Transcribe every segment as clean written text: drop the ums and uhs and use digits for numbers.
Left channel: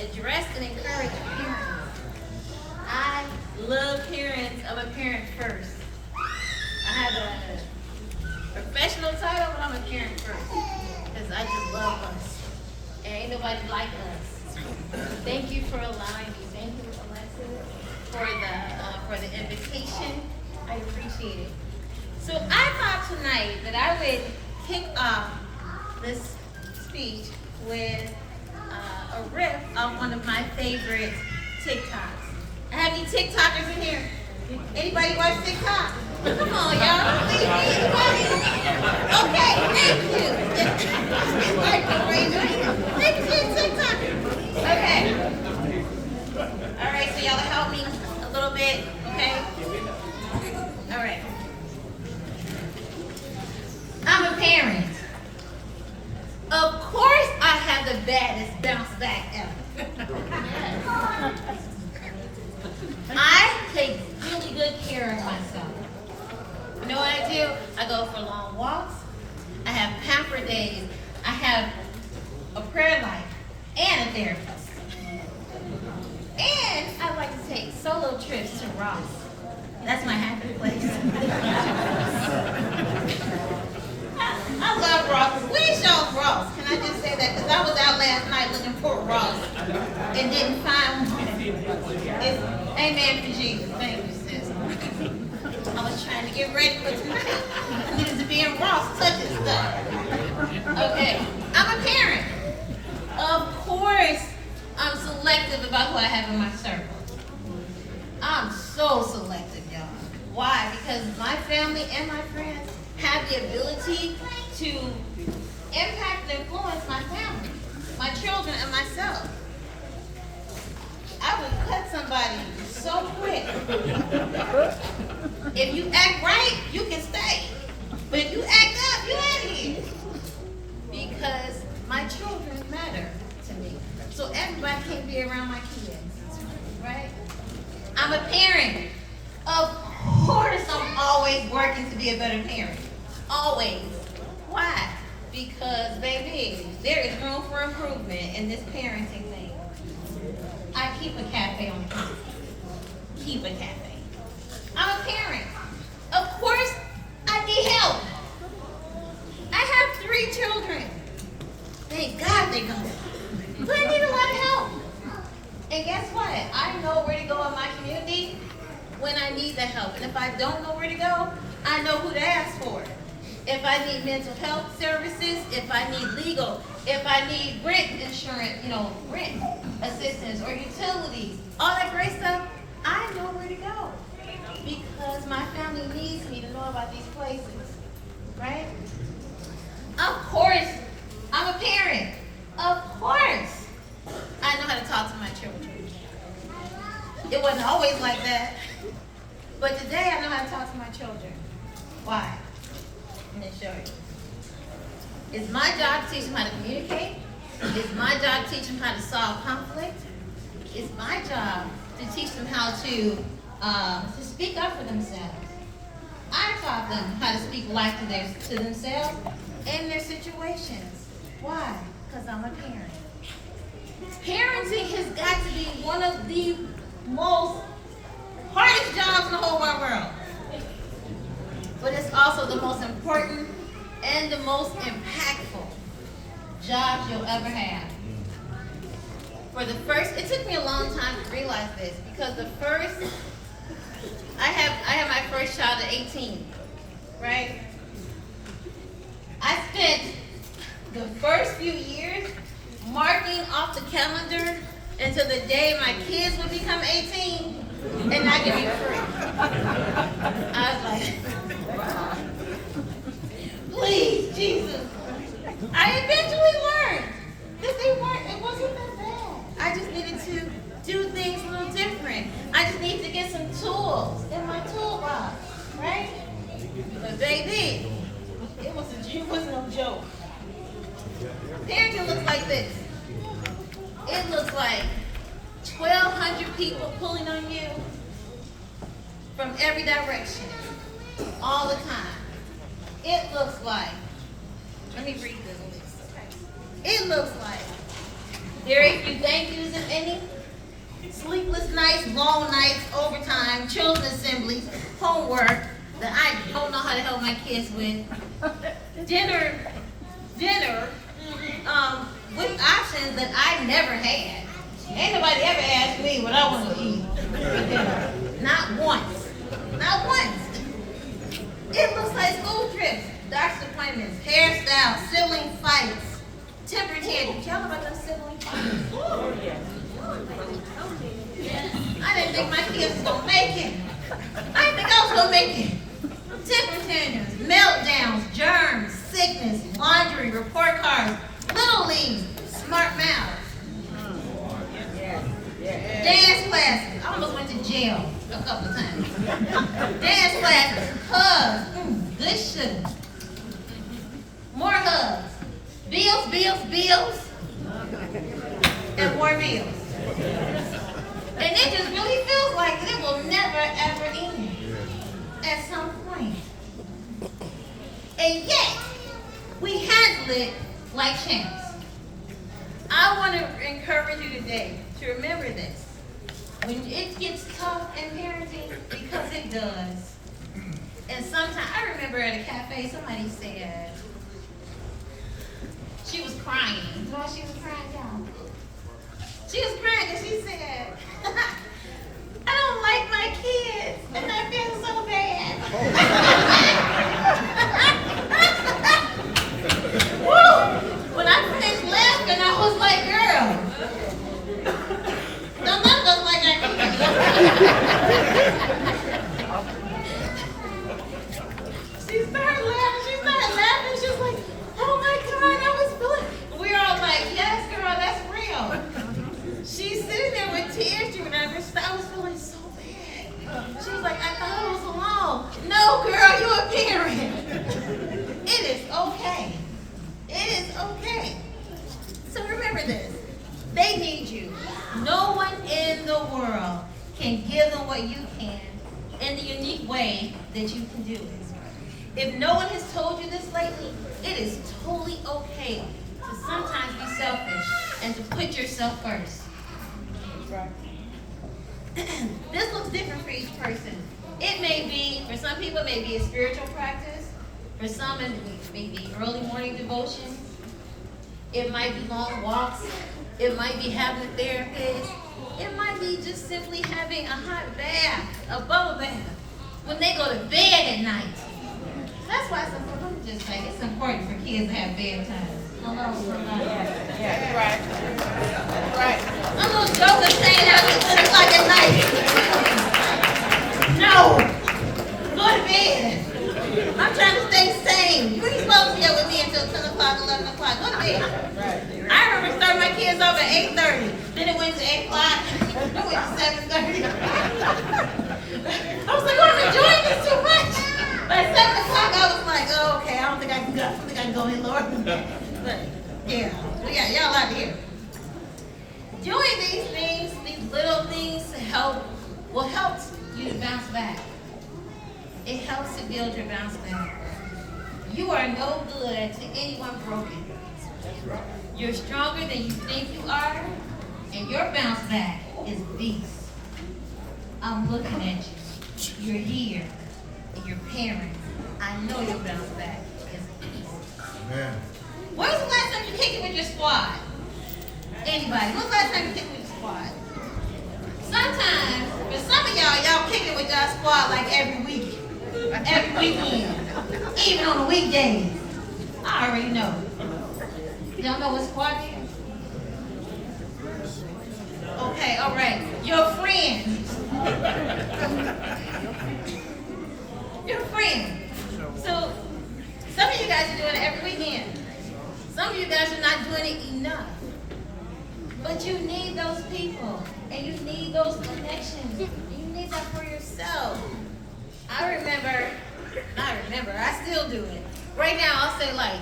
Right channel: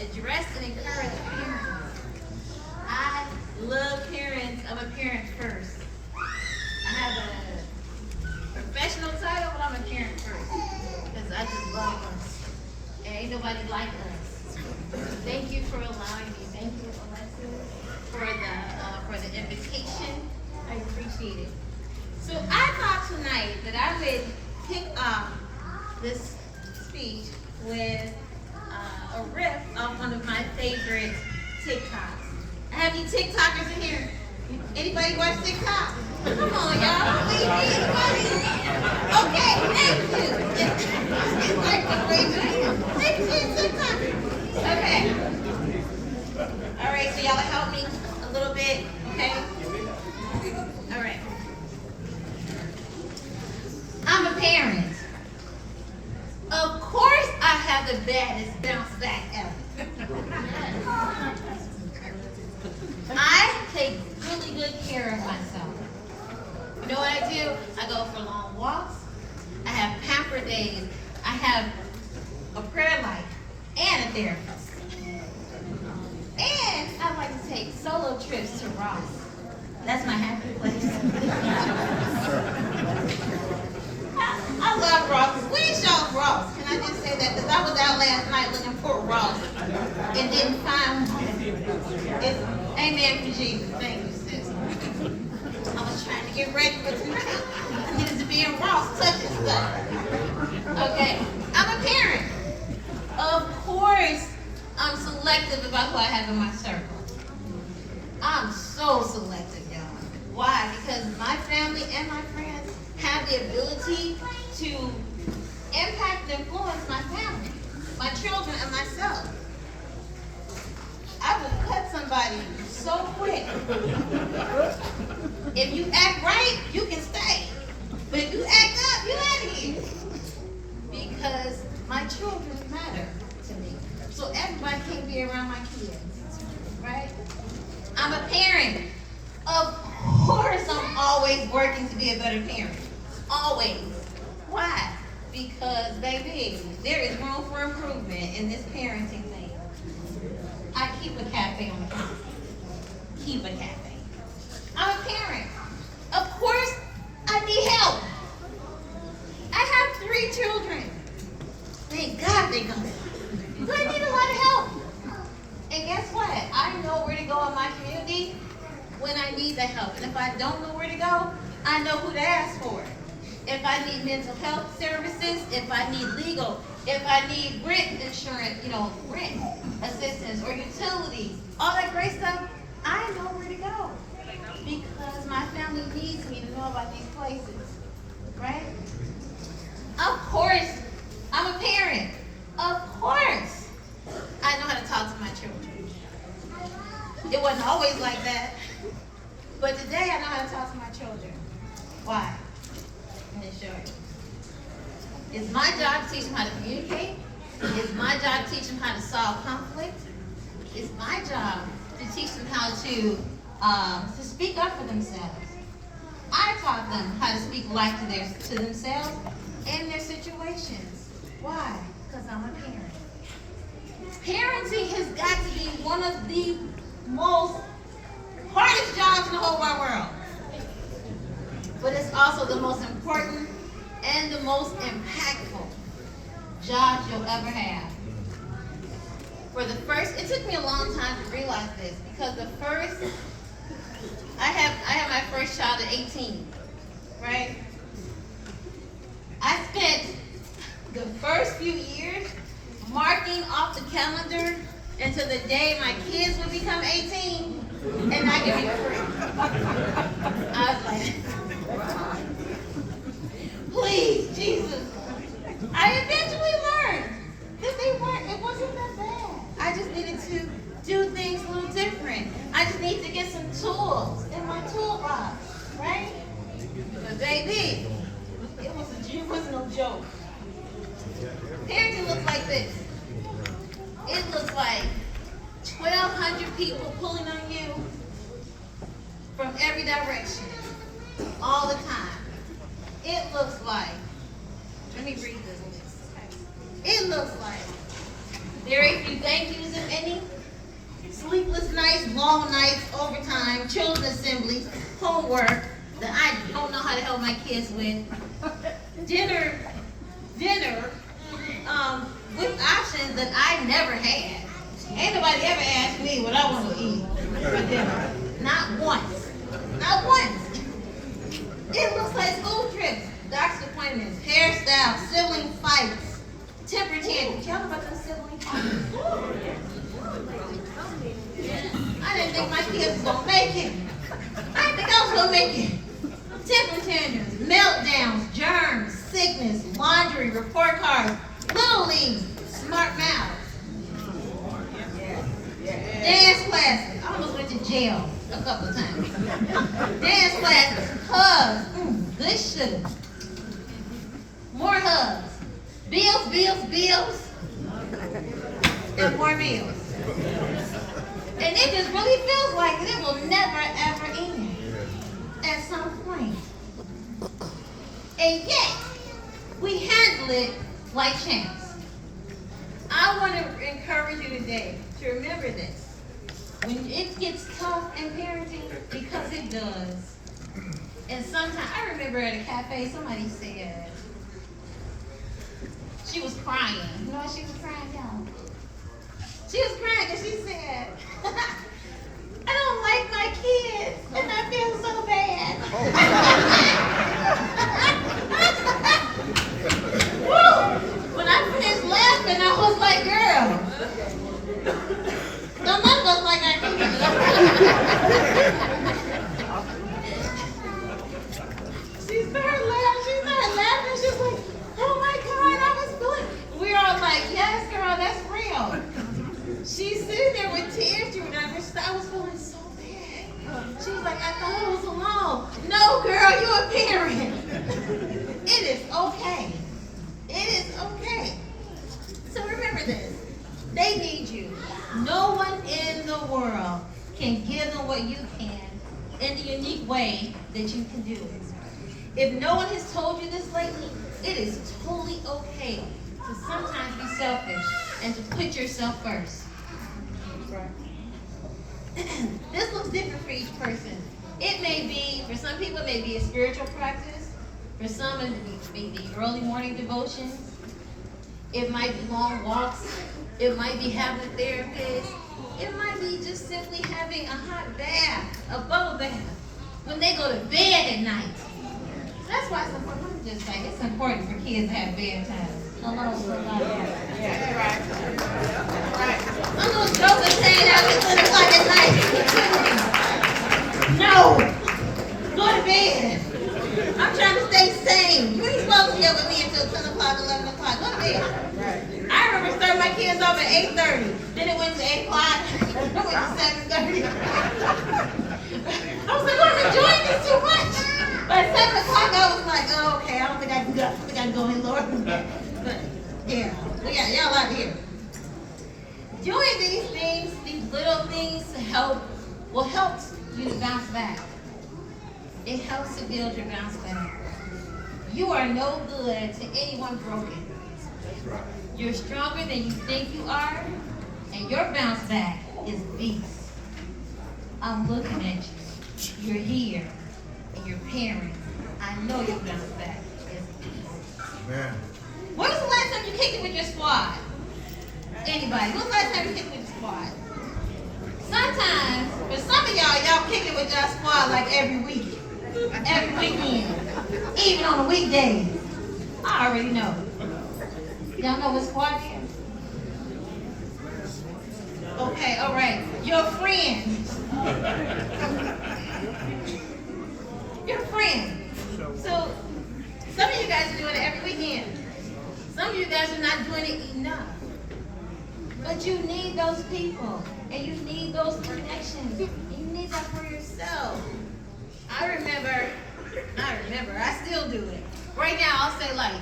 address and encourage parents. I love parents. I'm a parent first. I have a professional title, but I'm a parent first because I just love us. And ain't nobody like us. Thank you for allowing me. Thank you, Alexis, for the invitation. I appreciate it. So I thought tonight that I would kick off this speech with a riff off one of my favorite TikToks. I have any TikTokers in here? Anybody watch TikTok? Come on, y'all. Please, anybody? Okay, thank you. Thank you, TikTokers. Okay. All right, so y'all help me a little bit, okay? All right. I'm a parent. Of course I have the baddest bounce back ever. I take really good care of myself. You know what I do? I go for long walks. I have pamper days. I have a prayer life and a therapist. And I like to take solo trips to Ross. That's my happy place. I love Ross. Where's y'all's Ross? Can I just say that? Because I was out last night looking for Ross and didn't find one. Amen for Jesus. Thank you, sis. I was trying to get ready for tonight. I needed to be in Ross touching stuff. Okay. I'm a parent. Of course, I'm selective about who I have in my circle. I'm so selective, y'all. Why? Because my family and my friends have the ability to impact and influence my family, my children, and myself. I would cut somebody so quick. If you act right, you can stay. But if you act up, you're out of here. Because my children matter to me. So everybody can't be around my kids, right? I'm a parent. Of course I'm always working to be a better parent. Always. Why? Because, baby, there is room for improvement in this parenting thing. I keep a cafe on campus. Keep a cafe. I'm a parent. Of course, I need help. I have 3 children. Thank God they come. But I need a lot of help. And guess what? I know where to go in my community when I need the help. And if I don't know where to go, I know who to ask for. If I need mental health services, if I need legal, if I need rent insurance, rent assistance or utilities, all that great stuff, I know where to go. Because my family needs me to know about these places, right? Of course, I'm a parent. Of course, I know how to talk to my children. It wasn't always like that. But today I know how to talk to my children. Why? I'm going to show you. It's my job to teach them how to communicate. It's my job to teach them how to solve conflict. It's my job to teach them how to speak up for themselves. I taught them how to speak life to themselves and their situations. Why? Because I'm a parent. Parenting has got to be one of the most hardest jobs in the whole wide world. But it's also the most important and the most impactful job you'll ever have. It took me a long time to realize this because I had my first child at 18, right? I spent the first few years marking off the calendar until the day my kids would become 18 and I could be free. I was like, please, Jesus. I eventually learned that it wasn't that bad. I just needed to do things a little different. I just need to get some tools in my toolbox, right? But baby, it wasn't no joke. Parenting looks like this. It looks like 1,200 people pulling on you from every direction, all the time. It looks like, let me read this list. It looks like very few thank yous and sleepless nights, long nights, overtime, children's assemblies, homework that I don't know how to help my kids with, dinner, with options that I never had. Ain't nobody ever asked me what I want to eat for dinner. Not once. Not once. It looks like school trips, doctor's appointments, hairstyles, sibling fights, temper tantrums. Y'all know about those sibling fights? I didn't think my kids was going to make it. I didn't think I was going to make it. Temper tantrums, meltdowns, germs, sickness, laundry, report cards, little leagues, smart mouth. Dance classes. I almost went to jail a couple of times. Dance classes, hugs, good sugar. More hugs. Bills. And more bills. And it just really feels like it will never ever end at some point. And yet, we handle it like champs. I want to encourage you today to remember this. When it gets tough in parenting, because it does. And sometimes, I remember at a cafe, somebody said, she was crying. You know what she was crying down? She was crying because she said, I don't like my kids, and I feel so bad. Woo! When I finished laughing, I was like, girl, don't let us like our kids. She started laughing. She was like, oh my God, I was feeling. We were all like, yes, girl, that's real. She's sitting there with tears streaming down her face. I was feeling so bad. She was like, I thought I was alone. No, girl, you're a parent. It is okay. It is okay. So remember this. They need you. No one in the world can give them what you can in the unique way that you can do it. If no one has told you this lately, it is totally okay to sometimes be selfish and to put yourself first. Right. This looks different for each person. It may be, for some people, it may be a spiritual practice. For some, it may be early morning devotions. It might be long walks. It might be having a therapist. It might be just simply having a hot bath, a bubble bath, when they go to bed at night. That's why it's important. Just like it's important for kids to have bedtime. Yeah, right. Right. I'm gonna joke and saying out at 10 o'clock at night. No, go to bed. I'm trying to stay sane. You ain't supposed to get with me until 10 o'clock, 11 o'clock. Go to bed. Right. I remember starting my kids off at 8:30. Then it went to 8 o'clock. Then it went to 7:30. I was like, I'm enjoying this too much. By 7 o'clock, I was like, oh, okay, I don't think I can go. I think I can go in, Lord. But yeah, we got y'all out here. Doing these things, these little things, will help you to bounce back. It helps to build your bounce back. You are no good to anyone broken. You're stronger than you think you are, and your bounce back is beast. I'm looking at you. You're here, and your parents. I know your bounce back is beast. Amen. When was the last time you kicked it with your squad? Anybody? When was the last time you kicked it with your squad? Sometimes, for some of y'all kick it with your squad like every week. Every weekend. Even on the weekdays. I already know. Y'all know what squad is? Okay, all right. Your friend. Your friend. So, some of you guys are doing it every weekend. Some of you guys are not doing it enough. But you need those people. And you need those connections. You need that for yourself. I remember, I still do it. Right now, I'll say like,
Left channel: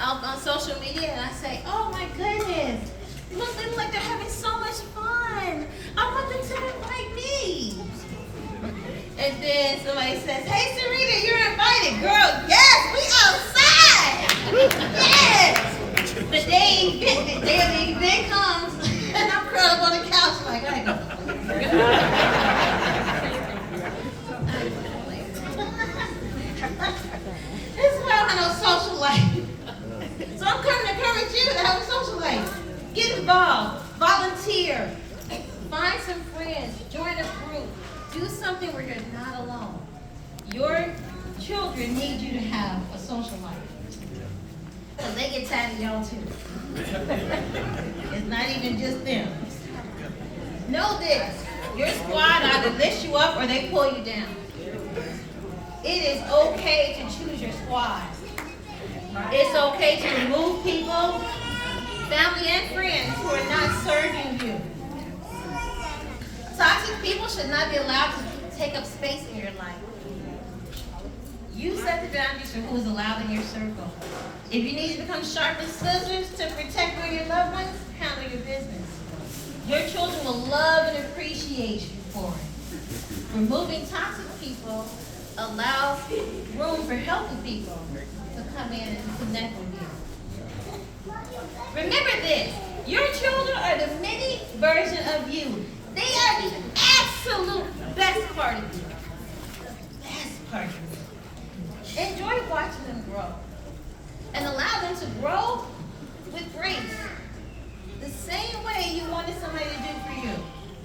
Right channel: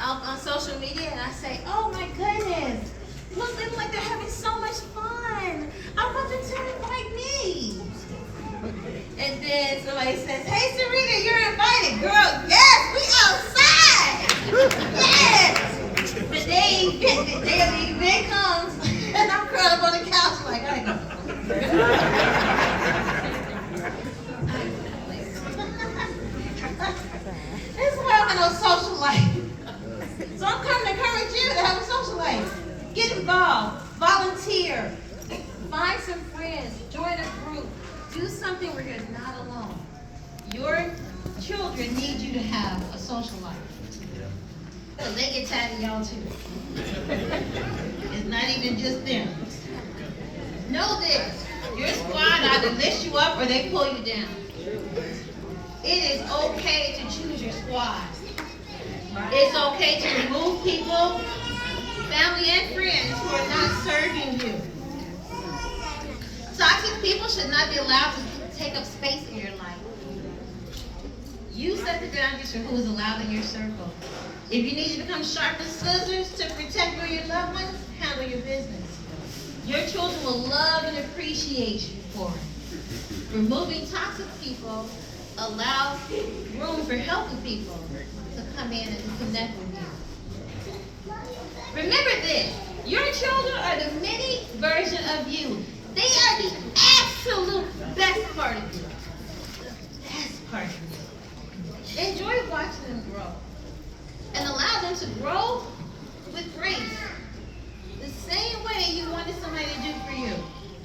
out on social media, and I say, oh my goodness, look, they look like they're having so much fun. I want them to invite me. And then somebody says, hey Sarita, you're invited. Girl, yes, we outside. Yes. The day of the event comes, and I'm curled up on the couch like, I gotta go Volunteer. Find some friends. Join a group. Do something where you're not alone. Your children need you to have a social life. Because they get tired of y'all too. It's not even just them. Know this. Your squad either lifts you up or they pull you down. It is okay to choose your squad. It's okay to remove people, family and friends who are not serving you. Toxic people should not be allowed to take up space in your life. You set the boundaries for who is allowed in your circle. If you need to become sharp as scissors to protect your loved ones, handle your business. Your children will love and appreciate you for it. Removing toxic people allows room for healthy people to come in and connect with you. Remember this, your children are the mini version of you. They are the absolute best part of you. The best part of you. Enjoy watching them grow and allow them to grow with grace. The same way you wanted somebody to do for you,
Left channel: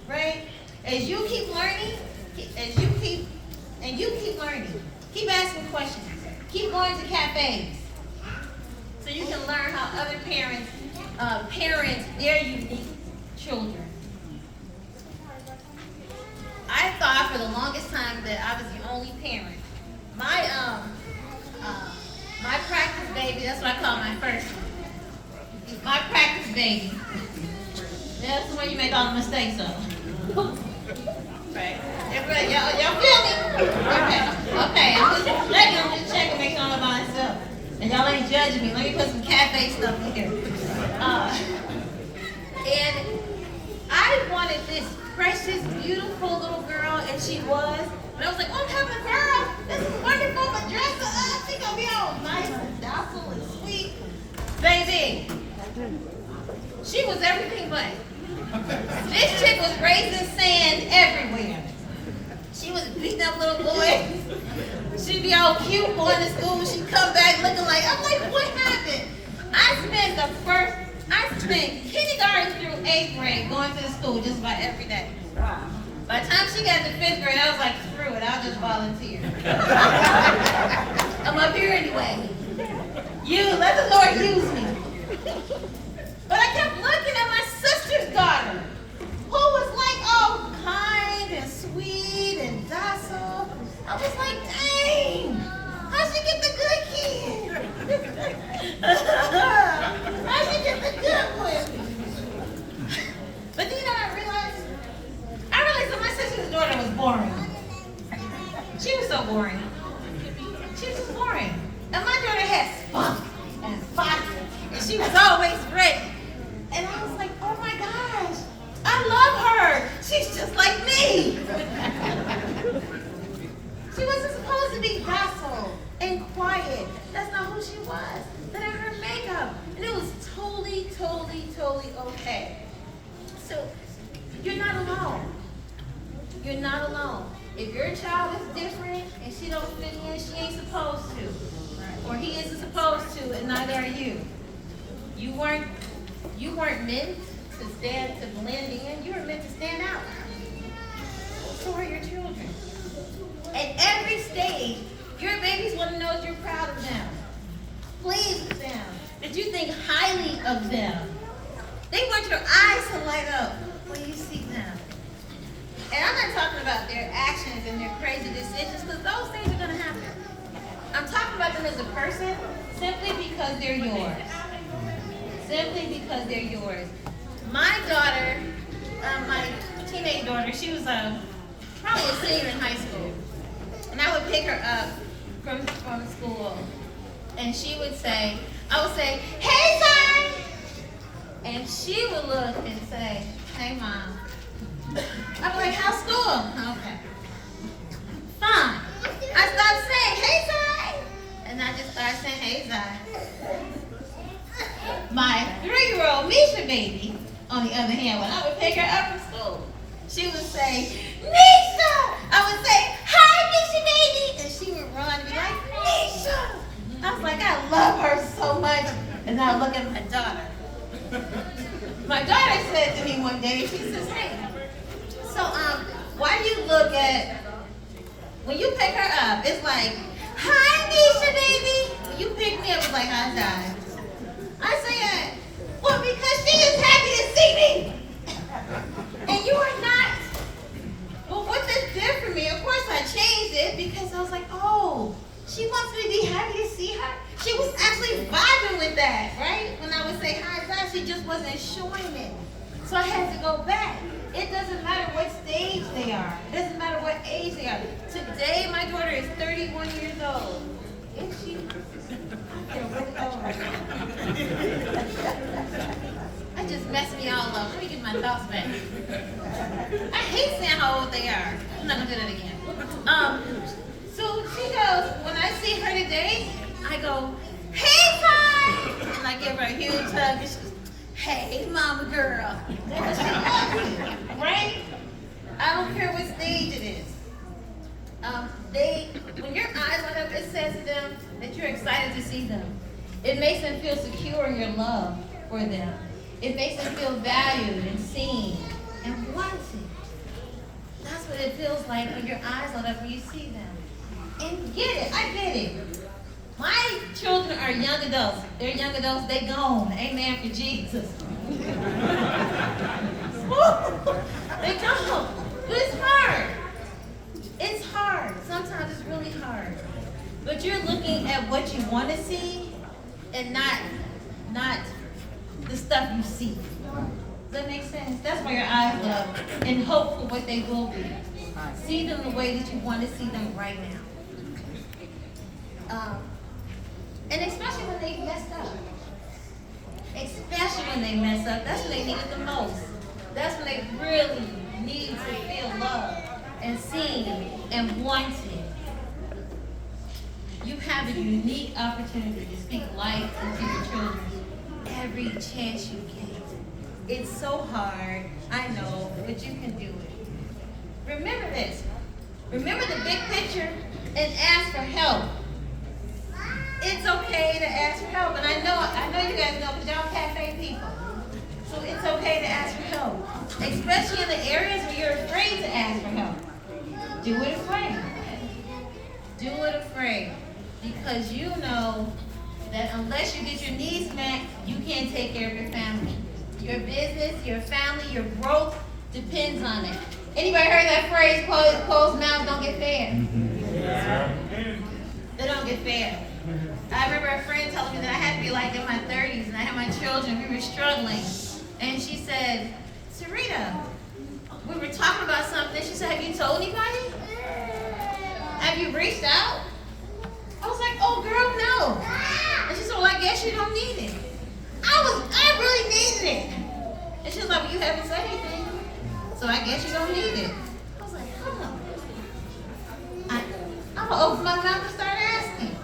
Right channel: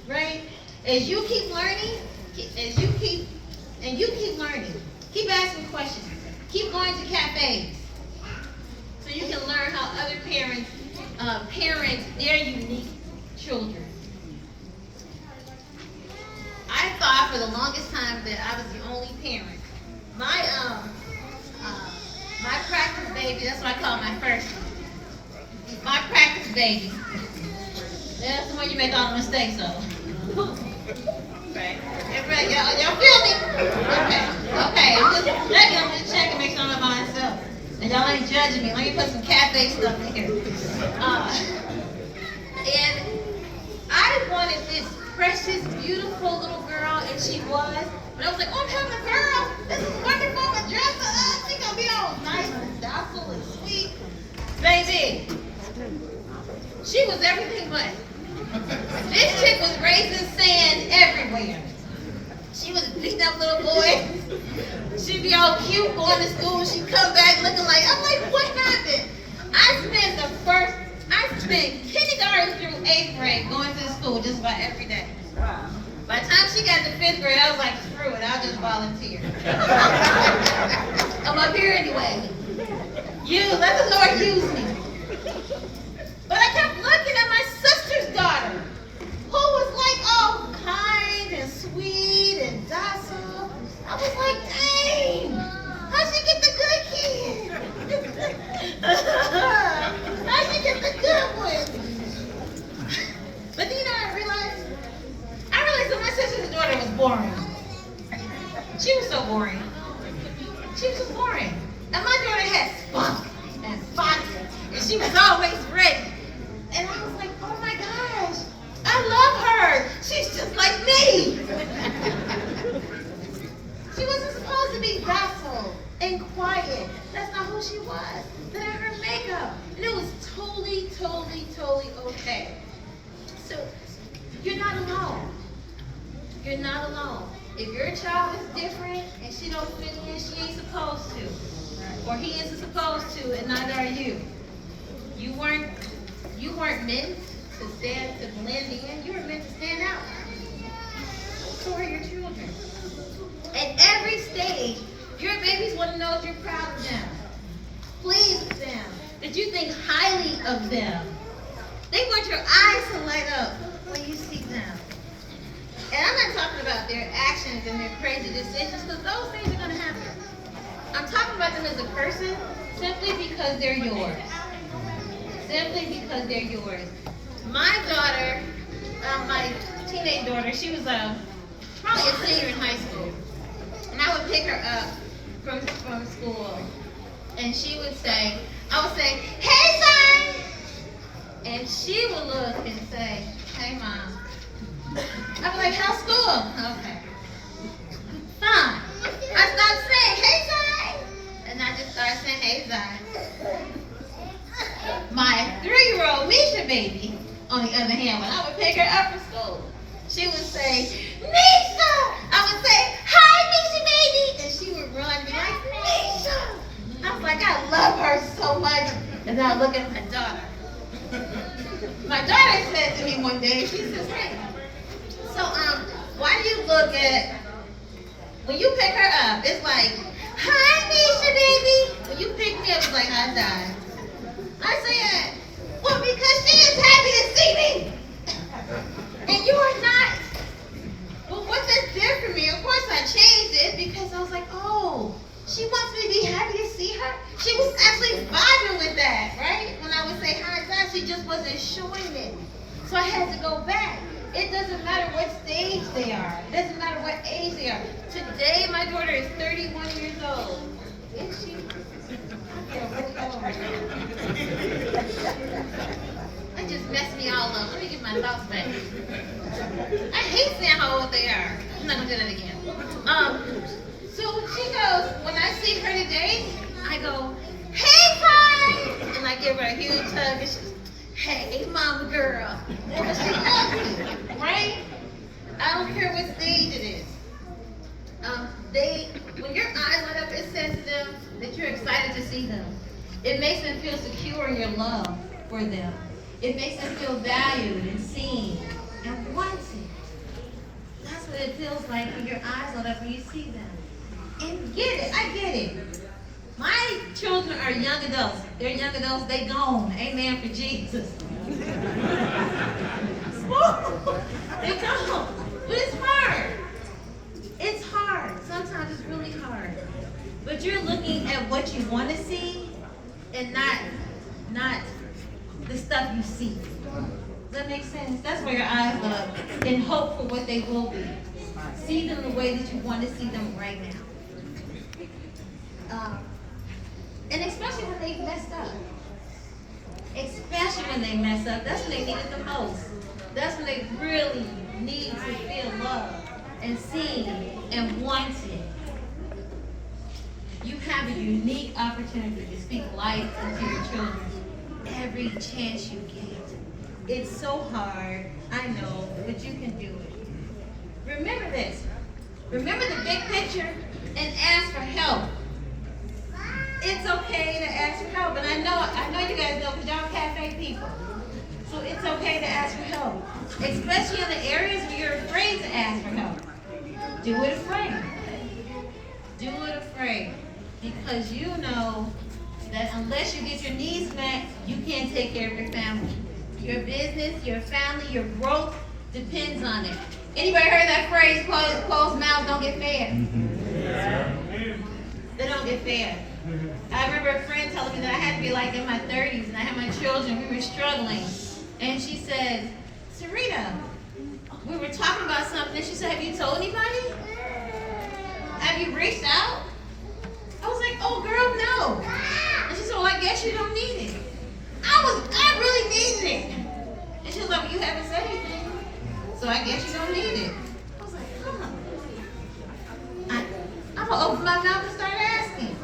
right? As you keep learning, keep learning, keep asking questions, keep going to cafes, so you can learn how other parents parent their unique children. I thought for the longest time that I was the only parent. My practice baby, that's what I call my first one. My practice baby. That's the one you make all the mistakes of. Right. Everybody, y'all feel me? Okay. I'm just checking, make sure I'm by myself. And y'all ain't judging me. Let me put some cafe stuff in here. And I wanted this precious, beautiful little girl, and she was. But I was like, oh, I'm having a girl. This is wonderful. I'm going to dress her up. She's going to be all nice and docile and sweet. Baby, she was everything but. This chick was raising sand everywhere. She was beating up little boys. She'd be all cute going to school. She'd come back looking like, I'm like, what happened? I spent kindergarten through 8th grade going to the school just about every day. By the time she got to 5th grade, I was like, screw it, I'll just volunteer. I'm up here anyway. Let the Lord use me. But I kept looking at my sister's daughter, who was like all kind and sweet and docile. I was like, dang, how'd she get the good kid? How'd she get the good one? But then, I realized that my sister's daughter was boring. She was so boring. She was just boring. And my daughter had spunk and fire, and she was always ready. And I was like, oh my gosh, I love her. She's just like me. She wasn't supposed to be docile and quiet. That's not who she was. But her makeup, and it was totally okay. So you're not alone. You're not alone. If your child is different and she don't fit in, she ain't supposed to. Or he isn't supposed to, and neither are you. You weren't meant to blend in. You were meant to stand out. So are your children. At every stage, your babies want to know that you're proud of them, pleased with them, that you think highly of them. They want your eyes to light up when you see them. And I'm not talking about their actions and their crazy decisions, because those things are going to happen. I'm talking about them as a person simply because they're yours. Simply because they're yours. My daughter, my teenage daughter, she was probably a senior in high school. And I would pick her up from school. And she would say, I would say, hey, son! And she would look and say, hey, Mom. I'd be like, how's school? Okay. Fine. I started saying, hey, Zai. And I just started saying, hey, Zai. My 3-year-old Misha baby, on the other hand, when I would pick her up from school, she would say, Misha! I would say, hi, Misha baby! And she would run and be like, Misha! I was like, I love her so much. And now I look at my daughter. My daughter said to me one day, she says, hey, so why do you look at, when you pick her up, it's like, hi, Nisha, baby. When you pick me up, it's like, I died. I said, well, because she is happy to see me. And you are not. Well, what that did for me, of course I changed it because I was like, oh, she wants me to be happy to see her. She was actually vibing with that, right? When I would say hi, God, she just wasn't showing it. So I had to go back. It doesn't matter what stage they are. It doesn't matter what age they are. Today, my daughter is 31 years old. Is she? I feel really old. That just messed me all up. Let me get my thoughts back. I hate saying how old they are. I'm not going to do that again. So she goes, when I see her today, I go, hey, Mom! And I give her a huge hug, and she goes, hey, mama girl. Because she loves me, right? I don't care what stage it is. When your eyes light up, it says to them that you're excited to see them. It makes them feel secure in your love for them. It makes them feel valued and seen and wanted. That's what it feels like when your eyes light up and you see them. And get it, I get it. My children are young adults. They're young adults, they gone. Amen for Jesus. They gone. But it's hard. It's hard. Sometimes it's really hard. But you're looking at what you want to see and not the stuff you see. Does that make sense? That's where your eyes look and hope for what they will be. See them the way that you want to see them right now. And especially when they messed up. Especially when they mess up. That's when they need it the most. That's when they really need to feel loved and seen and wanted. You have a unique opportunity to speak life into your children every chance you get. It's so hard, I know, but you can do it. Remember this. Remember the big picture and ask for help. It's okay to ask for help, and I know you guys know because y'all cafe people. So it's okay to ask for help, especially in the areas where you're afraid to ask for help. Do it afraid. Do it afraid, because you know that unless you get your needs met, you can't take care of your family. Your business, your family, your growth depends on it. Anybody heard that phrase, closed mouths don't get fed? They don't get fed. I remember a friend telling me that I had to be like in my 30s and I had my children, we were struggling. And she said, Sarita, we were talking about something. She said, have you told anybody? Have you reached out? I was like, oh girl, no. And she said, well, I guess you don't need it. I really needed it. And she was like, well, you haven't said anything. So I guess you don't need it. I was like, I'm gonna open my mouth and start asking.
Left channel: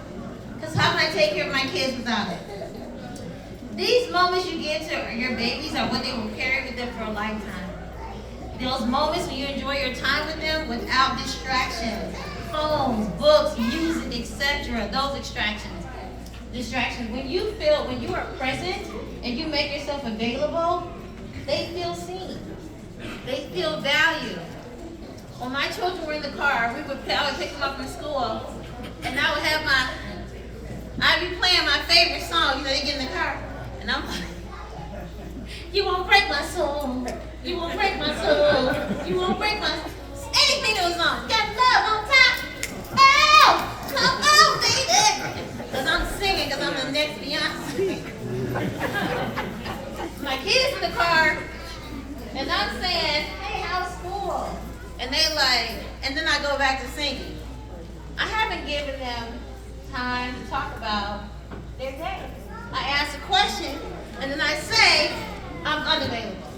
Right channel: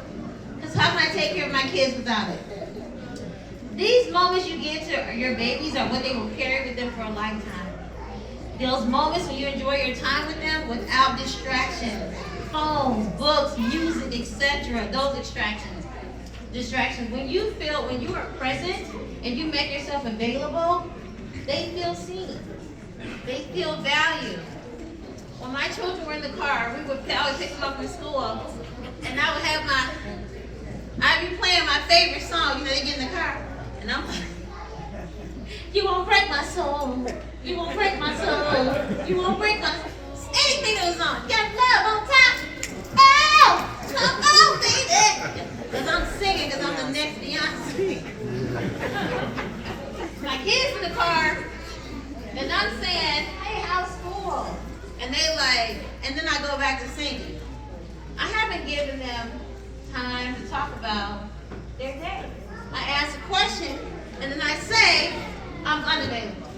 Because how can I take care of my kids without it? These moments you give to your babies are what they will carry with them for a lifetime. Those moments when you enjoy your time with them without distractions, phones, books, music, etc. Those distractions. When you are present and you make yourself available, they feel seen. They feel valued. When my children were in the car, I would pick them up from school, and I'd be playing my favorite song. They get in the car, and I'm like, you won't break my soul. You won't break my soul. You won't break my soul. Anything that was on. Got love on top. Oh, come on, baby. Because I'm singing, because I'm the next Beyonce. My kids in the car, and I'm saying, hey, how's school? And they and then I go back to singing. I haven't given them time to talk about their day. I ask a question, and then I say, I'm unavailable.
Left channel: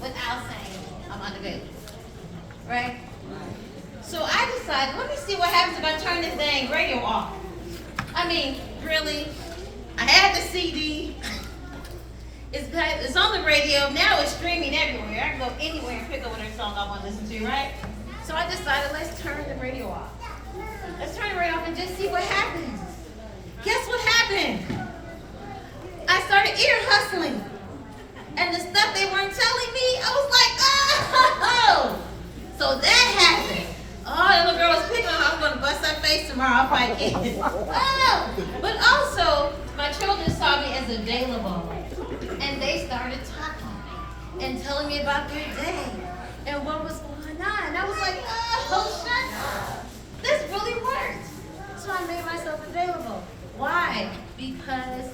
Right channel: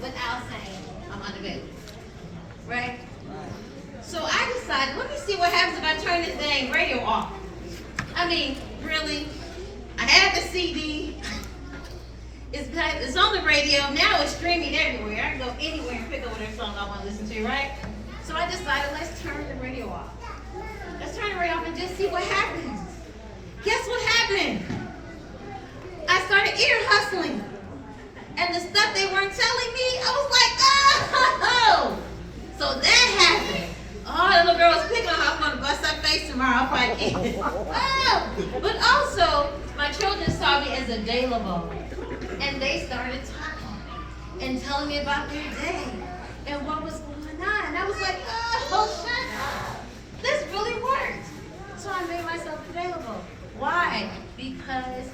Without saying, I'm unavailable. Right? So I decided, let me see what happens if I turn this dang radio off. I mean, really? I had the CD. It's on the radio. Now it's streaming everywhere. I can go anywhere and pick up whatever song I want to listen to, right? So I decided, let's turn the radio off. Let's turn the radio off and just see what happens. Guess what happened? I started ear hustling. And the stuff they weren't telling me, I was like, oh! So that happened. Oh, the little girl was picking on her. I'm going to bust her face tomorrow. I'll probably keep it. Oh! But also, my children saw me as available. And they started talking and telling me about their day and what was going on. And I was like, oh, shut up. This really worked. So I made myself available. Why? Because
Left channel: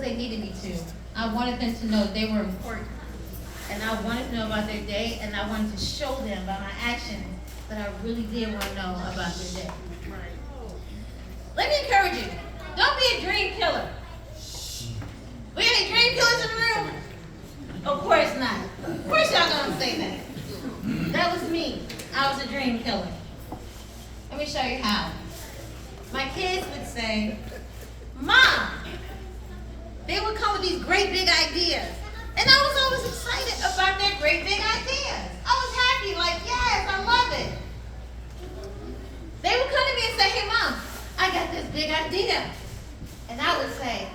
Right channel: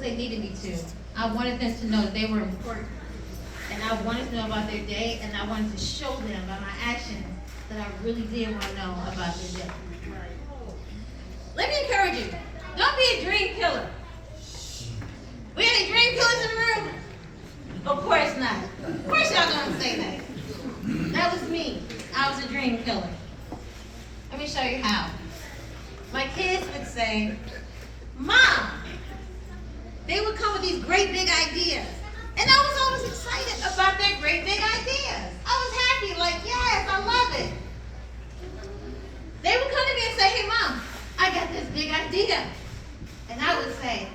they needed me to. I wanted them to know that they were important. And I wanted to know about their day, and I wanted to show them by my actions that I really did want to know about their day. Let me encourage you. Don't be a dream killer. We any dream killers in the room? Of course not. Of course y'all gonna say that. That was me. I was a dream killer. Let me show you how. My kids would say, Mom, they would come with these great big ideas. And I was always excited about their great big ideas. I was happy, like, yes, I love it. They would come to me and say, hey, Mom, I got this big idea. And I would say,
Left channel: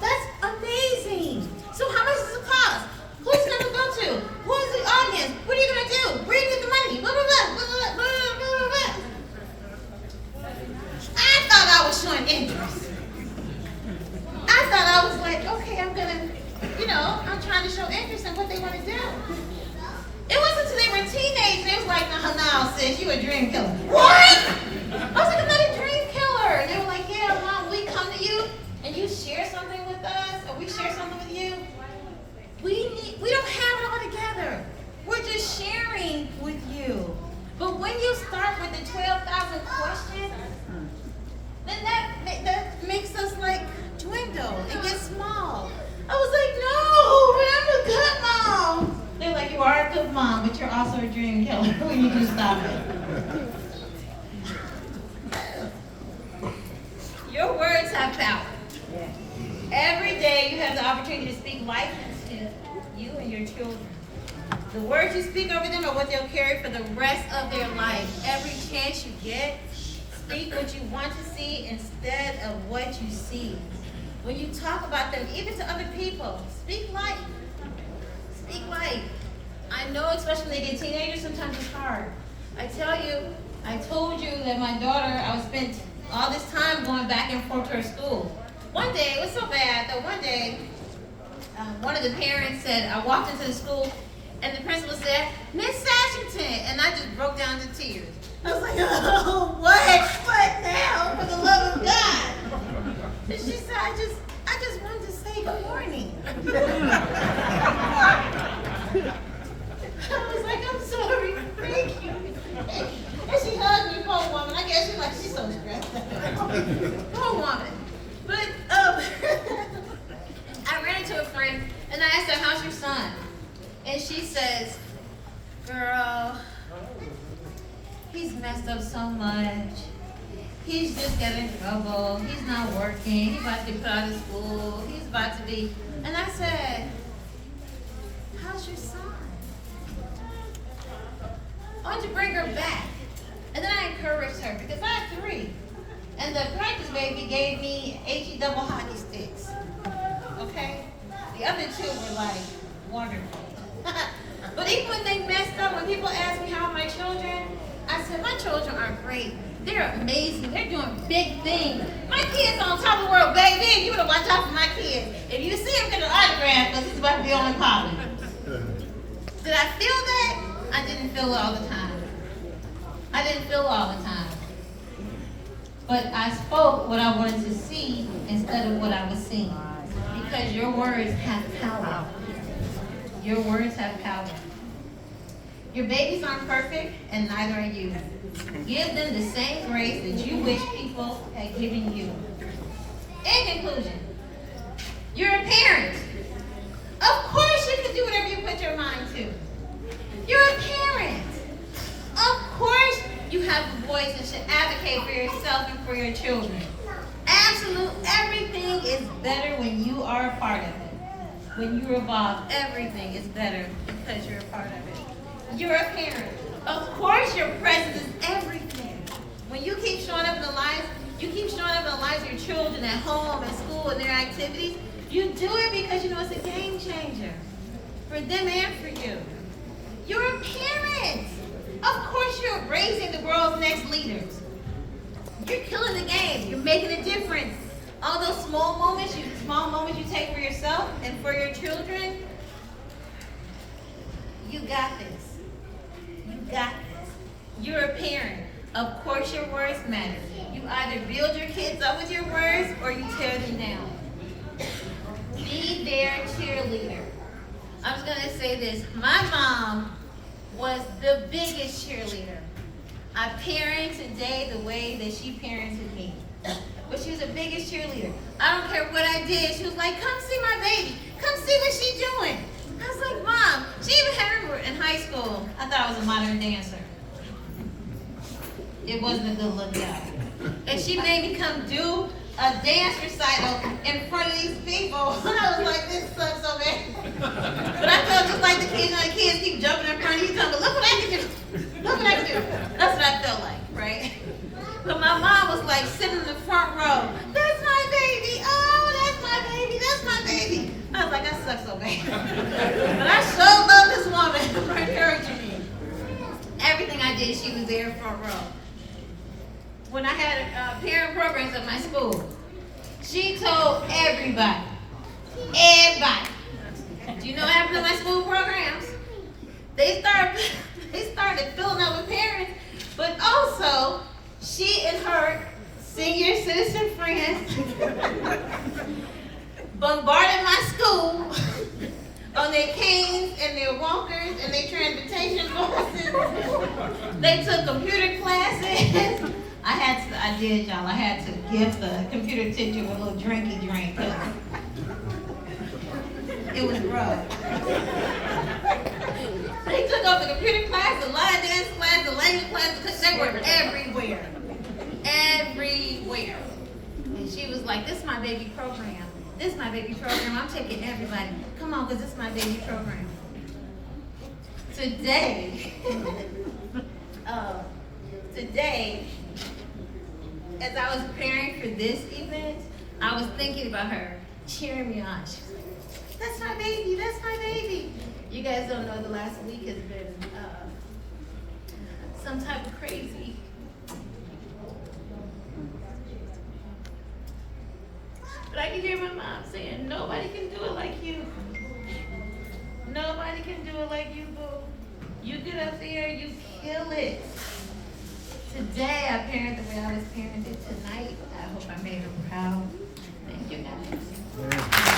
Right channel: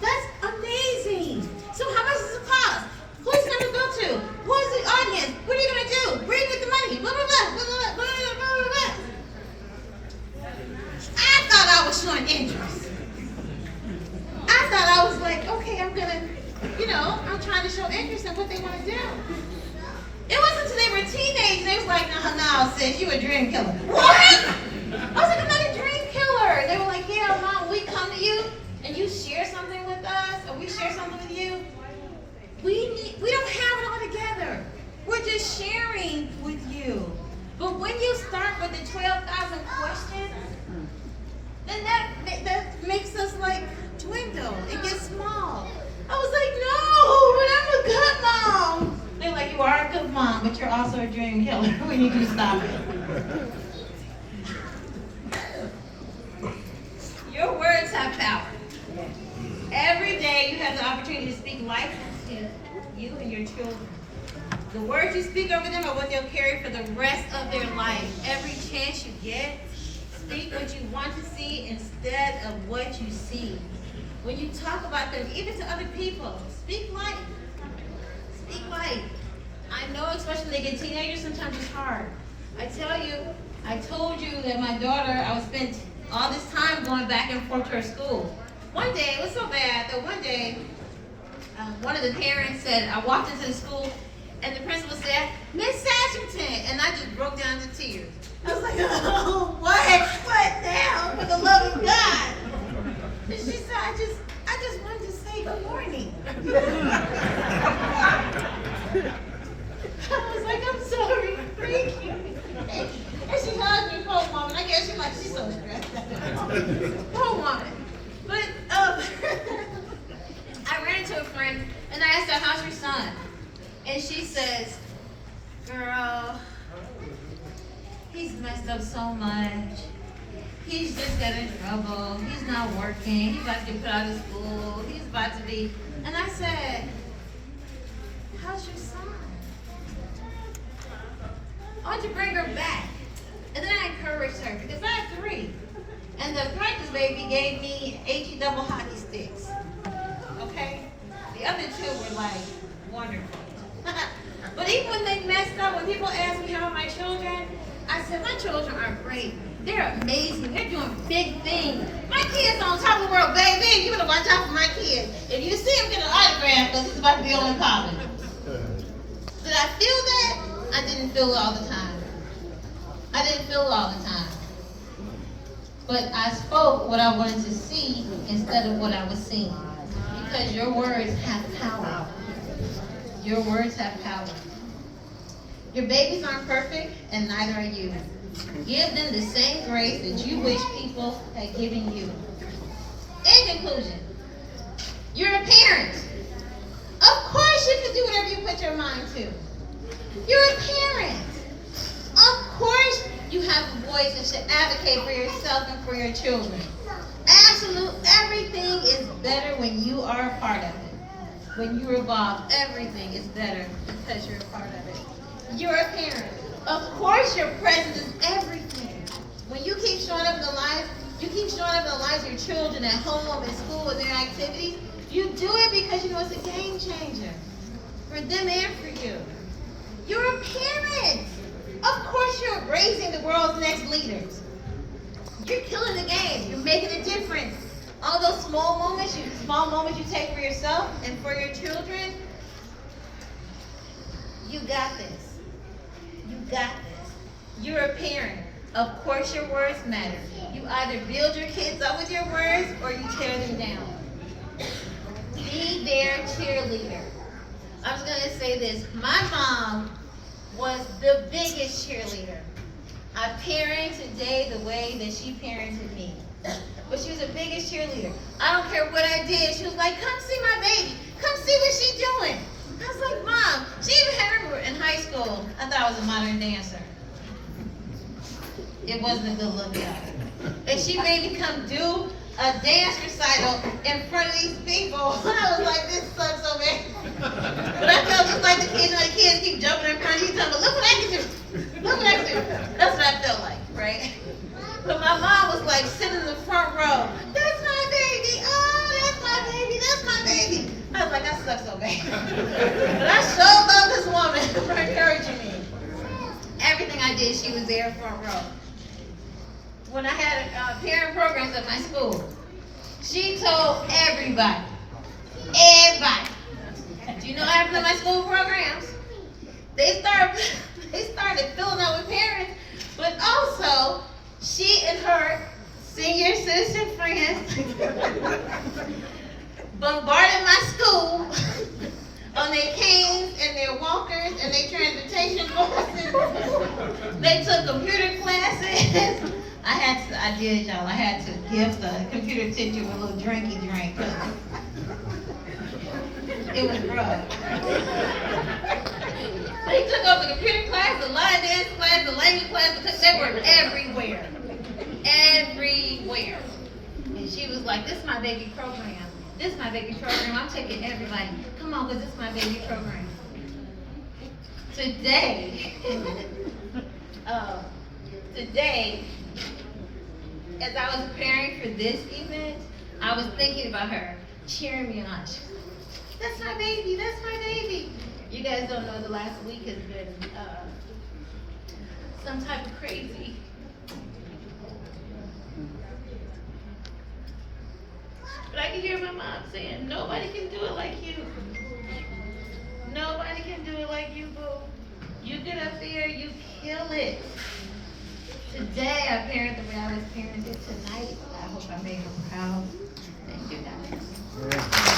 that's amazing. So how much does it cost? Who's it going to go to? Who is the audience? What are you going to do? Where do you get the money? Blah, blah, blah, blah, blah, blah, blah, blah. I thought I was showing interest. I thought I was like, okay, I'm I'm trying to show interest in what they want to do. It wasn't until they were teenagers, they was like, no, sis, you a dream killer. What? I was like, I'm not a dream killer. And they were like, yeah, Mom, we come to you and you share something with us, and we share something with you. We don't have it all together. We're just sharing with you. But when you start with the 12,000 questions, then that makes us like dwindle and get small. I was like, no, but I'm a good mom. They're like, you are a good mom, but you're also a dream killer. We need you to stop it. Your words have power. Every day you have the opportunity to speak life into you and your children. The words you speak over them are what they'll carry for the rest of their life. Every chance you get, speak what you want to see instead of what you see. When you talk about them, even to other people, speak life. Speak life. I know, especially when they get teenagers, sometimes it's hard. I told you that my daughter, I would spend all this time going back and forth to her school. One day, it was so bad that one day, one of the parents said, I walked into the school, and the principal said, Miss Sashington, and I just broke down to tears. I was like, oh, what now, for the love of God? And she said, I just wanted to say good morning. I was like, I'm sorry, thank you. And she hugged me, poor woman. I guess she's so stressed out. Poor woman. But I ran into a friend, and I asked her, how's your son? And she says, girl, he's messed up so much. He's just got in trouble. He's not working. He's about to be put out of school. He's about to be. And I said, how's your son? I want to bring her back. And then I encouraged her because I have 3. And the practice baby gave me HE double hockey sticks. Okay? The other 2 were like wonderful. But even when they messed up, when people ask me how are my children, I said, my children are great. They're amazing. They're doing big things. My kids on top of the world, baby. You better watch out for my kids. If you see them, get an autograph because it's about to be on college. Did I feel that? I didn't feel it all the time. I didn't feel it all the time. But I spoke what I wanted to see instead of what I was seeing. Because your words have power. Your words have power. Your babies aren't perfect, and neither are you. Give them the same grace that you wish people had given you. In conclusion, you're a parent. Of course you can do whatever you put your mind to. You're a parent. Of course you have a voice and should advocate for yourself and for your children. Absolutely, everything is better when you are a part of it. When you're involved, everything is better because you're a part of it. You're a parent. Of course your presence is everything. When you keep showing up in the lives, of your children at home, at school, and their activities, You do it because you know it's a game changer for them and for you. You're a parent. Of course you're raising the world's next leaders. You're killing the game. You're making a difference. All those small moments you take for yourself and for your children, you got this. You got this. You're a parent. Of course your words matter. You either build your kids up with your words or you tear them down. Be their cheerleader. I was going to say this. My mom was the biggest cheerleader. I parent today the way that she parented me. But she was the biggest cheerleader. I don't care what I did. She was like, come see my baby. Come see what she's doing. I was like, Mom, she even had her in high school. I thought I was a modern dancer. It wasn't a good look at her. And she made me come do a dance recital in front of these people. And I was like, this sucks so bad. But I felt just like the kids, the kids keep jumping in front of you, telling me, look what I can do. Look what I can do. That's what I felt like, right? But my mom was like sitting in the front row. That's my baby. Oh, that's my baby. That's my baby. I was like, I suck so bad. But I sure love this woman for encouraging me. Everything I did, she was there front row. When I had parent programs at my school, she told everybody. Do you know what happened to my school programs? They started filling up with parents, but also she and her senior citizen friends bombarded my school on their canes and their walkers and their transportation courses. They took computer classes. I had to give the computer teacher a little drinky drink. It was rough. They took over the computer class, the line dance class, the language class, they were everywhere. Everywhere. And she was like, this is my baby program. This is my baby program. I'm taking everybody. Come on, because this is my baby program. Today, as I was preparing for this event, I was thinking about her cheering me on. She was like, that's my baby, that's my baby. You guys don't know, the last week has been some type of crazy. But I can hear my mom saying, nobody can do it like you. Nobody can do it like you, boo. You get up there, you kill it. Today, I parent the way I was parented tonight. I hope I made her proud. Thank you, guys.